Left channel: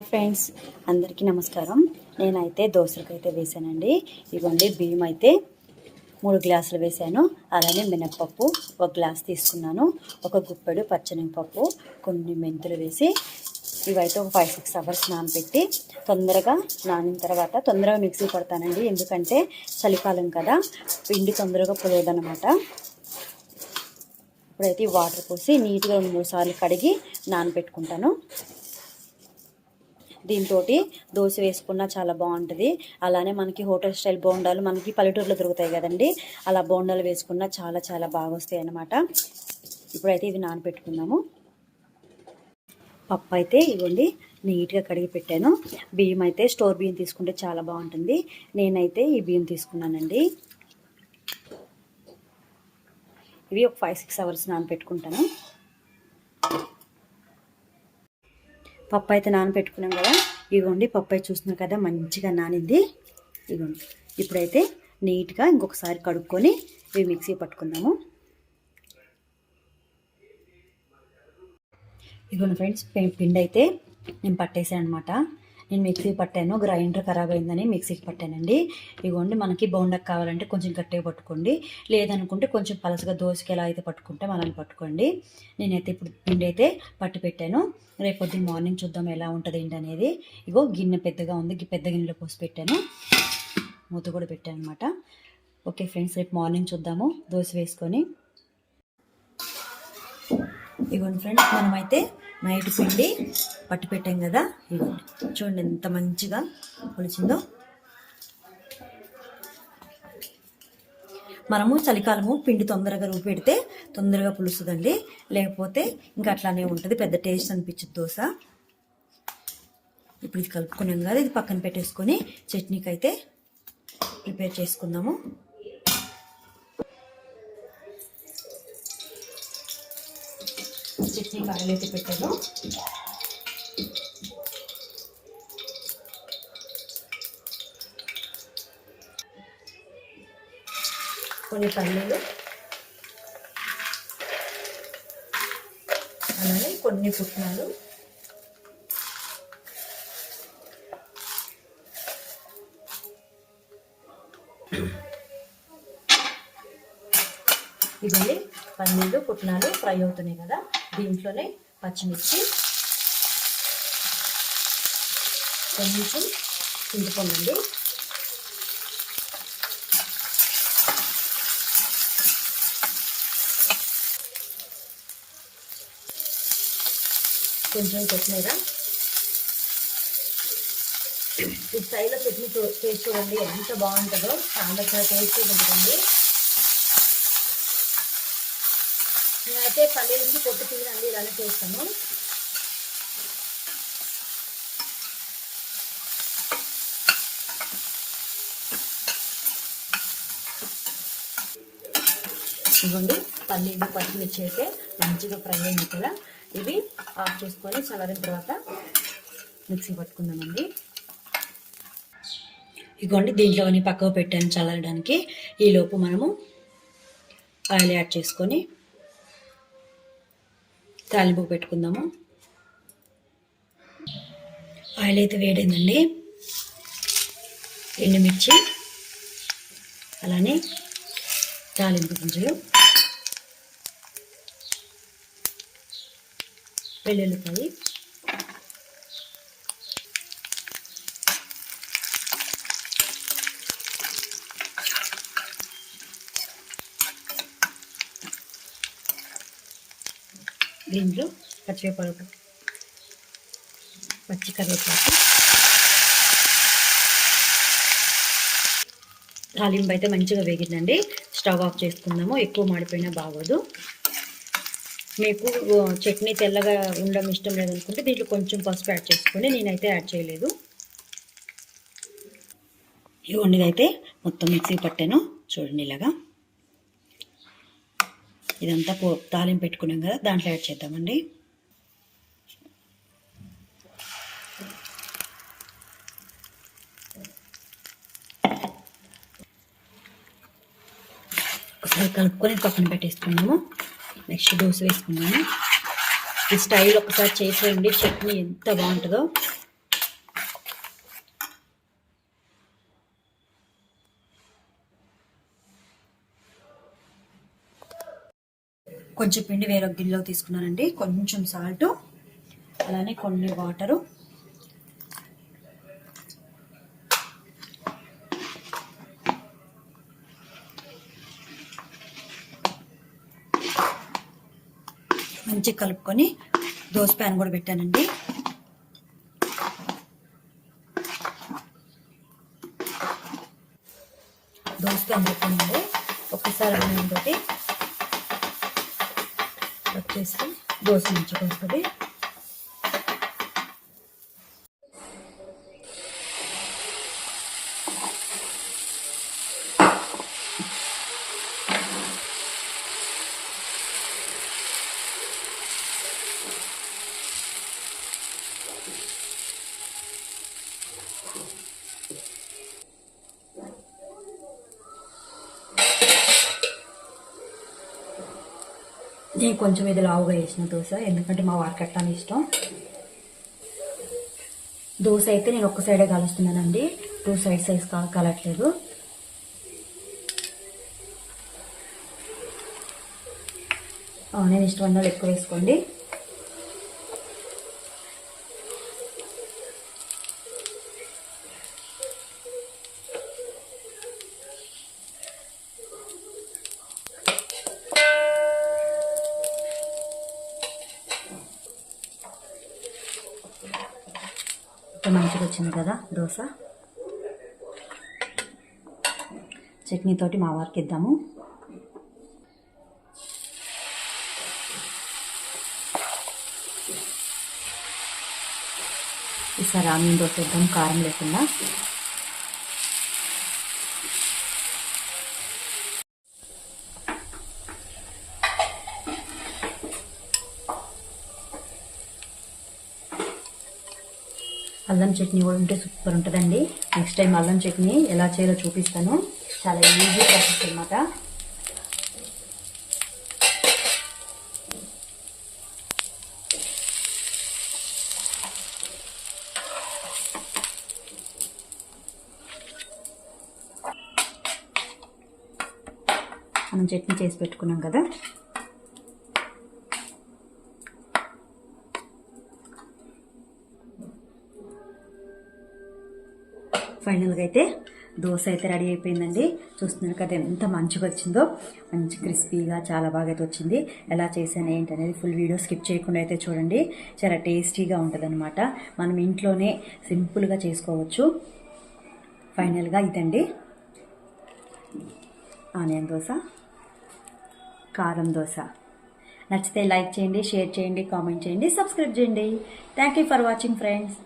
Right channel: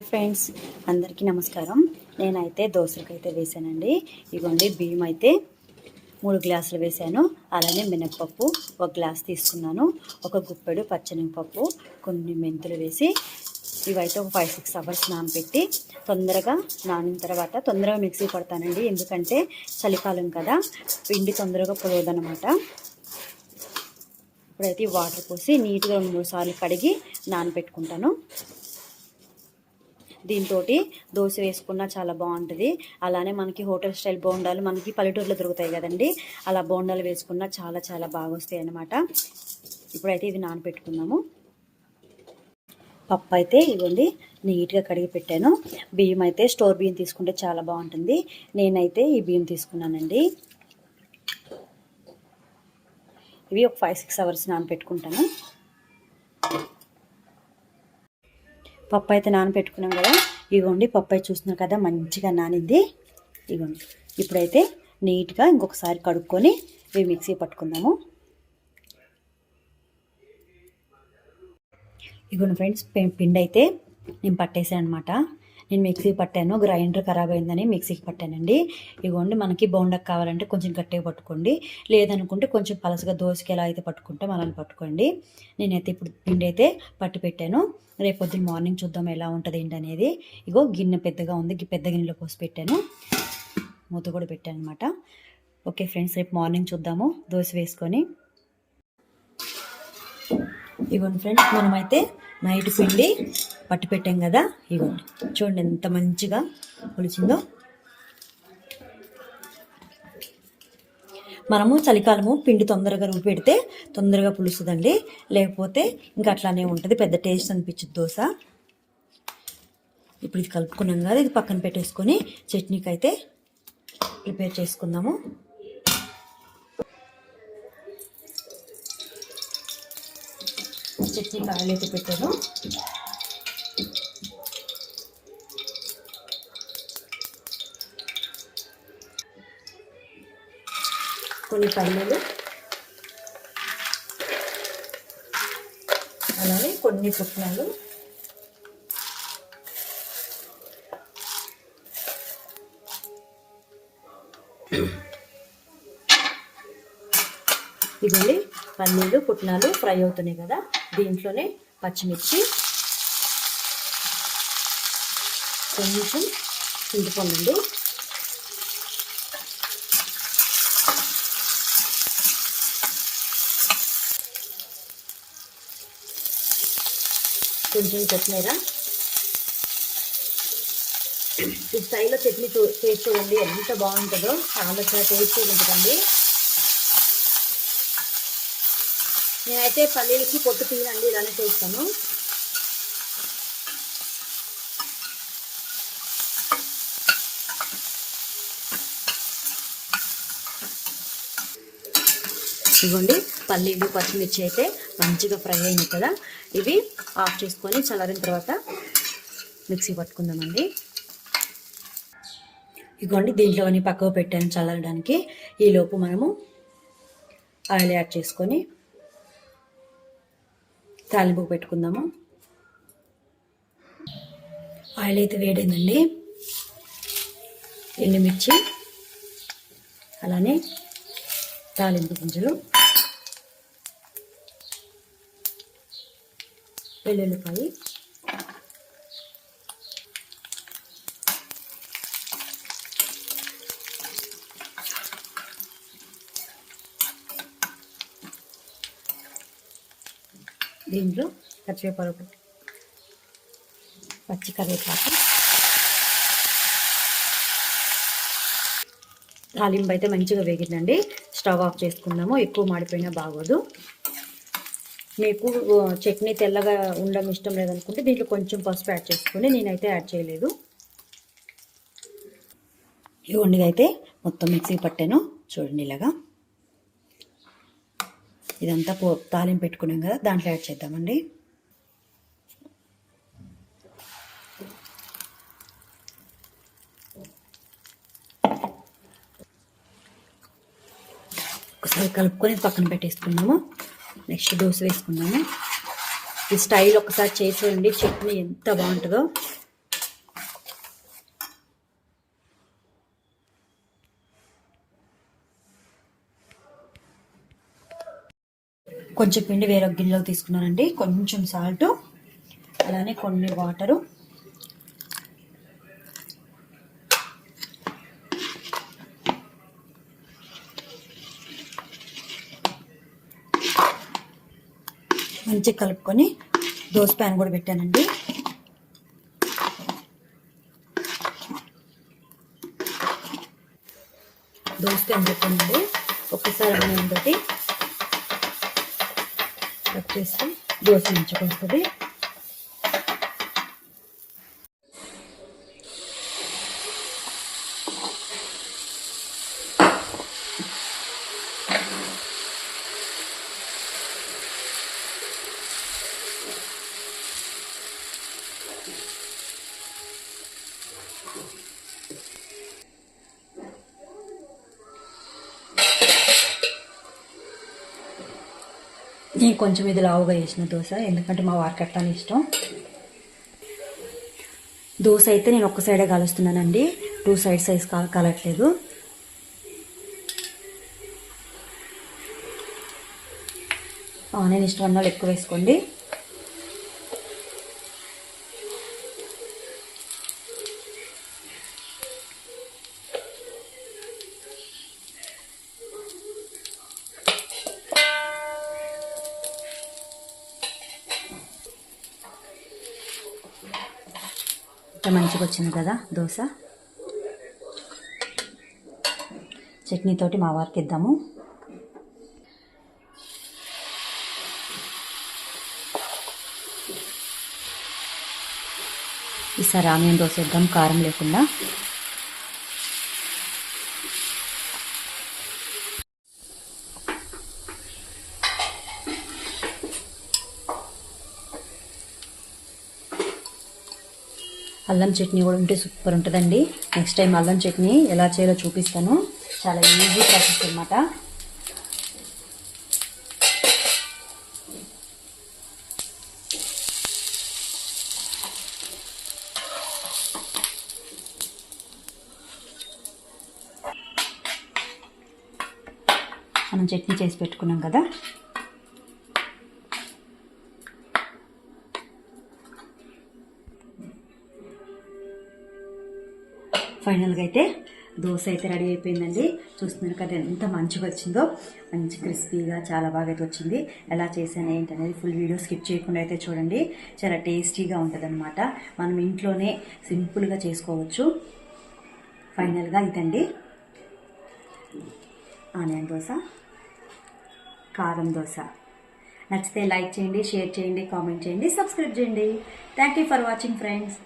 Friends అందరికీ నమస్కారం. నేనైతే దోశలకు వేసానండి. ఇవ్వండి బియ్యం అయితే మూడు గ్లాసులు వేసాను. అలానే మినప్పప్పు ఒక గ్లాస్ తీసుకున్నాను. ఒక గుప్పెడు పచ్చనిపప్పు కొన్ని మెంతులు వేసి ఇవైతే ఒక ఫైవ్ సిక్స్ అవర్స్ నానబెట్టి తొందరగా నానిన తర్వాత తొందరగా మిక్సీ పడతానండి ఎందుకంటే చలికాలం కదా పిండి తొందరగా పొలవదనమాట ఇప్పుడైతే వాటర్ పోసి నీట్గా రెండు మూడు సార్లు కడిగి నానబెట్టుకుంటాను. దీంతో దోశ వేసుకున్నా చాలా బాగుంటుంది. అలానే మనకి హోటల్ స్టైల్ బోండాలు మనకి పల్లెటూరులో దొరుకుతాయి కదండి. అలా బోండాలు వేసుకున్నా చాలా చాలా బాగా వస్తాయి అన్నమాట. ఇప్పుడైతే ఇవి నానబెట్టుకుందాము పప్పు అయితే ఇవ్వండి నీట్గా కడిగి పెట్టాను. బియ్యం అయితే స్టోర్ బియ్యం తీసుకుంటే చాలా బాగుంటుంది. నేనైతే ఈ బియ్యం తీసుకున్నానండి. ఇవి ఒక ఫైవ్ సిక్స్ అవర్స్ నానబెట్టుకుంటాను పప్పు అయితే నానబెట్టుకున్నాం కదా. ఇగోండి పప్పు అయితే చూస్తున్నాం కదా మంచిగా నానింది. ఇగోండి ఇప్పుడైతే నీట్గా ఇంకొకసారి కడుక్కొని ఇవి మిక్సీ పట్టుకుందాము. ఇగోండి ఫ్రెండ్స్ పిండి అయితే నేను పట్టేసాను అనమాట నేను మిక్సీ పట్టాను గ్రైండర్ ఖరాబ్ అయిందని మిక్సీకి పట్టానండి. ఇగోండి మనకి బౌండక్ కావాలంటే కొంచెం గట్టిగా పట్టుకోండి. లేదనుకుంటే కొంచెం పలసగా దోశకి ఎలా అయితే పట్టుకుంటాం అలా పట్టుకోండి. నేనైతే ఇప్పుడు పిండి అయితే పట్టి పెట్టాను. రేపు పొద్దున్న మార్నింగ్ చూద్దాం ఎలా ఉంటుంది ఏంటి అనేది. ఇగో గిన్నె పెద్దగా ఉంది పెద్ద గిన్నెలో పోసి పెట్టాను. మూత కూడా పెట్టాను అనమాట ఓకే ఫ్రెండ్స్ రేపు మార్నింగ్ చూద్దాము దోశ వేసుకొని. ఇవ్వండి ఫ్రెండ్స్ మనమైతే నైట్ పిండి పట్టు పెట్టాం కదా ఇవ్వండి. చూడండి ఎంత మంచిగా పులిచిందో మనము చలికాలము పిండి తొందరగా రుబ్బి పెడితే తొందరగా పులుస్తుందండి లేకపోతే ఇంకా అట్లానే ఉంటుంది పెద్ద టేస్ట్ అనిపించదు దోశ. ఇప్పుడు ఇది కలుపుకున్నాం కదా ఇది పక్కన పెట్టేసుకొని చట్నీకి అయితే ప్రిపేర్ చేసుకుందాము. చట్నీ కాయలు అయితే పెట్టాను కొన్ని పల్లెలు అలానే కొన్ని పుట్నాలు. ఇవన్నీ పన్నీరు పుట్నాలు ఫ్రై అవుతున్నాయి కదా. దీంట్లోనే పచ్చిమిర్చి కొంచెం చింతపండు కొంచెం కొత్తిమీర. ఈ స్టైల్లో చట్నీ చూ చేసి చూడండి ఎంత బాగుంటుందో. చాలా చాలా టేస్టీ ఉంటుందండి. నేనైతే పల్లీలకి పొట్టు తీయండి ఇలానే చేస్తాను. ఇవ్వండి పల్లీలు పచ్చిమిర్చి అయితే మంచిగా ఫ్రై అయింది కదా. ఇవి ఆఫ్ చేసుకొని చల్లారిన తర్వాత మిక్సీ పట్టుకుందామండి. ఇగోండి దీంట్లోని పక్కకు పెట్టాను చల్లడానికి ఈలోపు మనము ఆయిల్ యాడ్ చేసుకొని తాలింపు పెట్టుకుందాము. ఆయిల్ అయితే వేడైందండి. ఎండుమిర్చి అలానే తాలింపు గింజలు వెల్లుల్లిపాయి దీంట్లో పచ్చివేపాకు పచ్చి కరివేపాకు. తాలింపు అయితే మంచిగా వేగిందండి. స్టవ్ ఆఫ్ చేసుకుందాము. ఎక్కువ మాడిపోయినా బాగోదు. మీకు చట్నీ తెల్లగా ఉండడం ఇష్టం లేదనుకుంటే దీంట్లో కొంచెం పసుపు యాడ్ చేసుకుని నేనైతే యాడ్ చేయలేదు. ఇవ్వండి అయితే మొత్తం మిక్సీ పట్టాను. చూడండి ఇలాగా. ఇదంతా పో తాలింపు పెట్టుకున్నాం కదా దాంట్లో యాడ్ చేద్దామండి. ఒకసారి కలుపుకొని పక్కన పెట్టేసుకున్నాము నెక్స్ట్ దోశ వేసుకున్నాము ఈ స్టైల్ ఒకసారి చేసేయండి చట్నీ ఎంత బాగుంటుందో. కొంచెం పిండి వేరొక గిన్నెలో తీసుకున్నానండి. కొంచెం సాల్ట్ అలానే కొన్ని వాటరు మంచిగా కలుపుకొని దోశ ప్యాన్ కూడా పెట్టానండి. దోశ ప్యాన్ పెట్టానండి. ఒకసారి ఏంటంటే వచ్చేసి దోశ ఉంచుకొస్తుంది నేను కొంచెం ఇది లావుగా చేసిన దోశ ఎందుకంటే మా వారికి అట్లా అని ఇష్టం. దోశ అయితే నేను ఒక్క సైడే కలుస్తున్నానండి. టూ సైడ్ సైజ్ కలట్లేదు. నేను ఇష్టం ఉన్న ఎక్కువ వేసుకోండి. ఎంత మంచిగా వచ్చింది కదా దోశ. చట్నీతోటి మా వారికి ఇద్దాము. ఈసారి ఆనియన్ దోశ ఇద్దాం కారం లేకుండా. అల్లం చట్నీ కూడా ఉంటే సూపర్ ఉంటుందండి. నెక్స్ట్ టైం అల్లం చట్నీ ఎలా చేయాలో చూపిస్తాను. చాలా ఈజీ ప్రాసెస్ అనమాట మనం చట్నీ చేసి పెట్టుకున్నాం కదా. ఫైనల్గా అయితే దోశ అయితే రెడీ అయిపోయిందండి. చూస్తున్నారు కదా ఎంత మంచిగా వచ్చిందో. మంచి క్రిస్పీగా చాలా బాగా అయితే వచ్చింది. ఎలా చేశాను ఏంటి అనేది ఫుల్ వీడియో స్కిప్ చేయకుండా అయితే చూడండి. చాలా టేస్టీగా ఉంటుందన్నమాట. మనం ఇంట్లోనే సింపుల్గా చేసుకోవచ్చు. ఫైనల్గా ఇదండి. ఆనియన్ దోశ కారం దోశ. నచ్చితే లైక్ చేయండి షేర్ చేయండి కామెంట్ చేయండి సబ్స్క్రైబ్ చేయండి. Thank you for watching friends